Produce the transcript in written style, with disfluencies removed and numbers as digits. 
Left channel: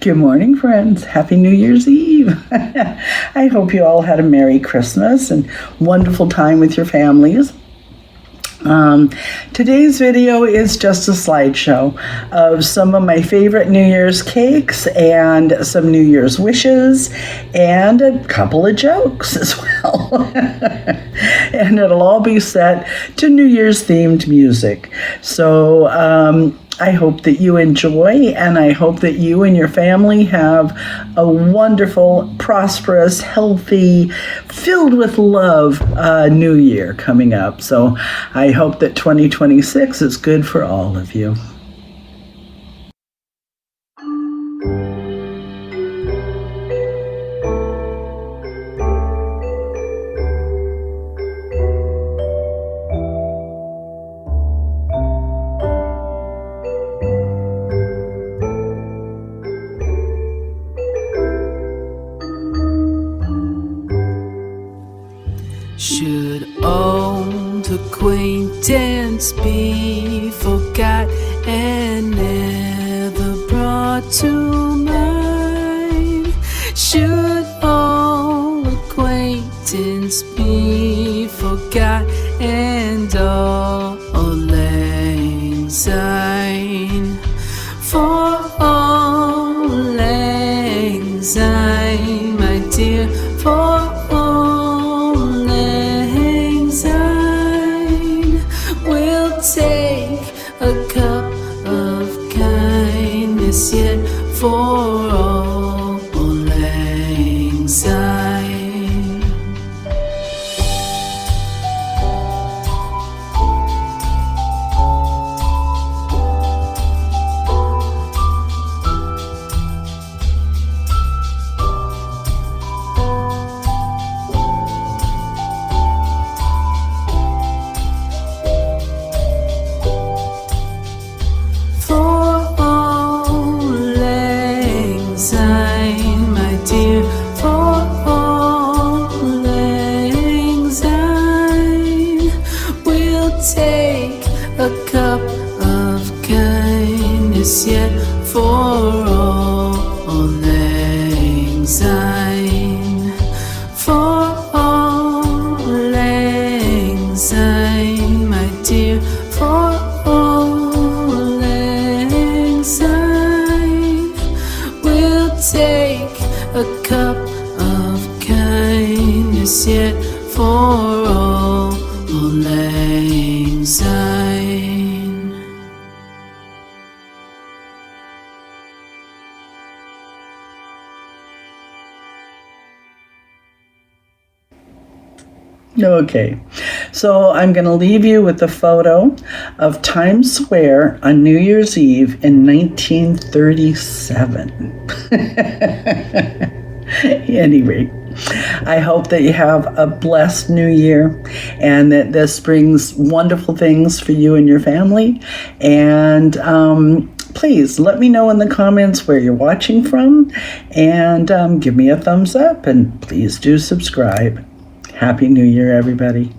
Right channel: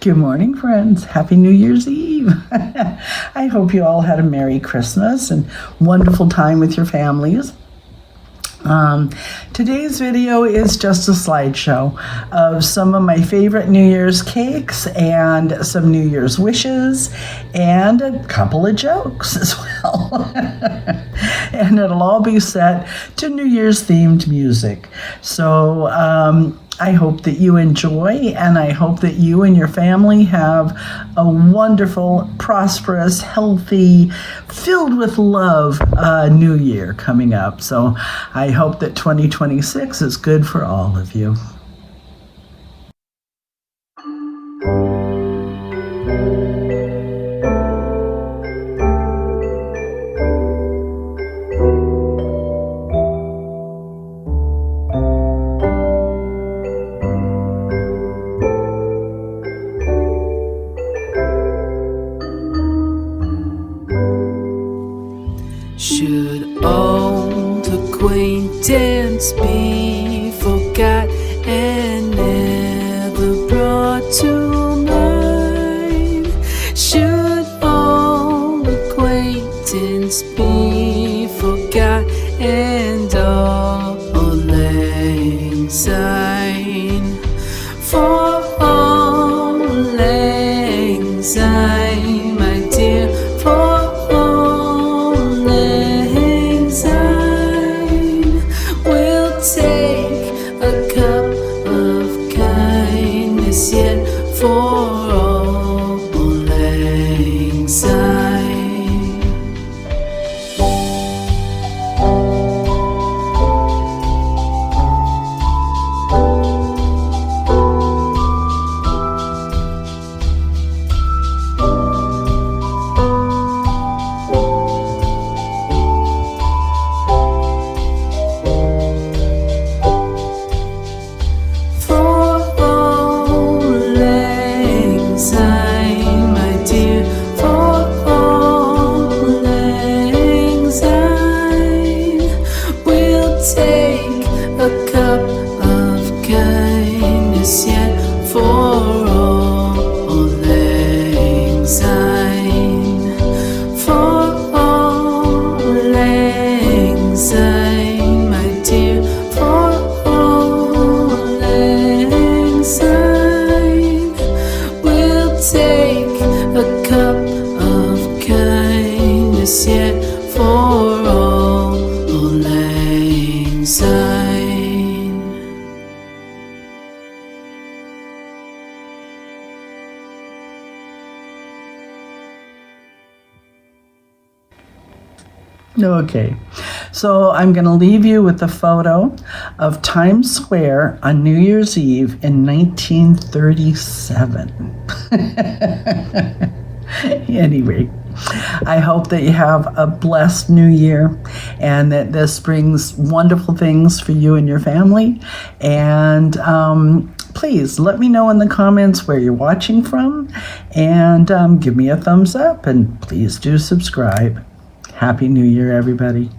Good morning, friends. Happy New Year's Eve. I hope you all had a Merry Christmas and wonderful time with your families. Today's video is just a slideshow of some of my favorite New Year's cakes and some New Year's wishes and a couple of jokes as well. And it'll all be set to New Year's themed music. So, I hope that you enjoy, and I hope that you and your family have a wonderful, prosperous, healthy, filled with love new year coming up. So I hope that 2026 is good for all of you. Should old acquaintance be forgot and never brought to mind? Should old acquaintance be forgot and all lang syne? For all lang syne, my dear, for we'll take a cup of kindness yet for all lang syne. Take a cup of kindness yet for all lang syne. For all lang syne, my dear, for all lang syne. We'll take a cup of kindness yet for all lang syne. Okay, so I'm going to leave you with a photo of Times Square on New Year's Eve in 1937. At any rate, I hope that you have a blessed new year and that this brings wonderful things for you and your family. And please let me know in the comments where you're watching from, and give me a thumbs up, and please do subscribe. Happy New Year, everybody.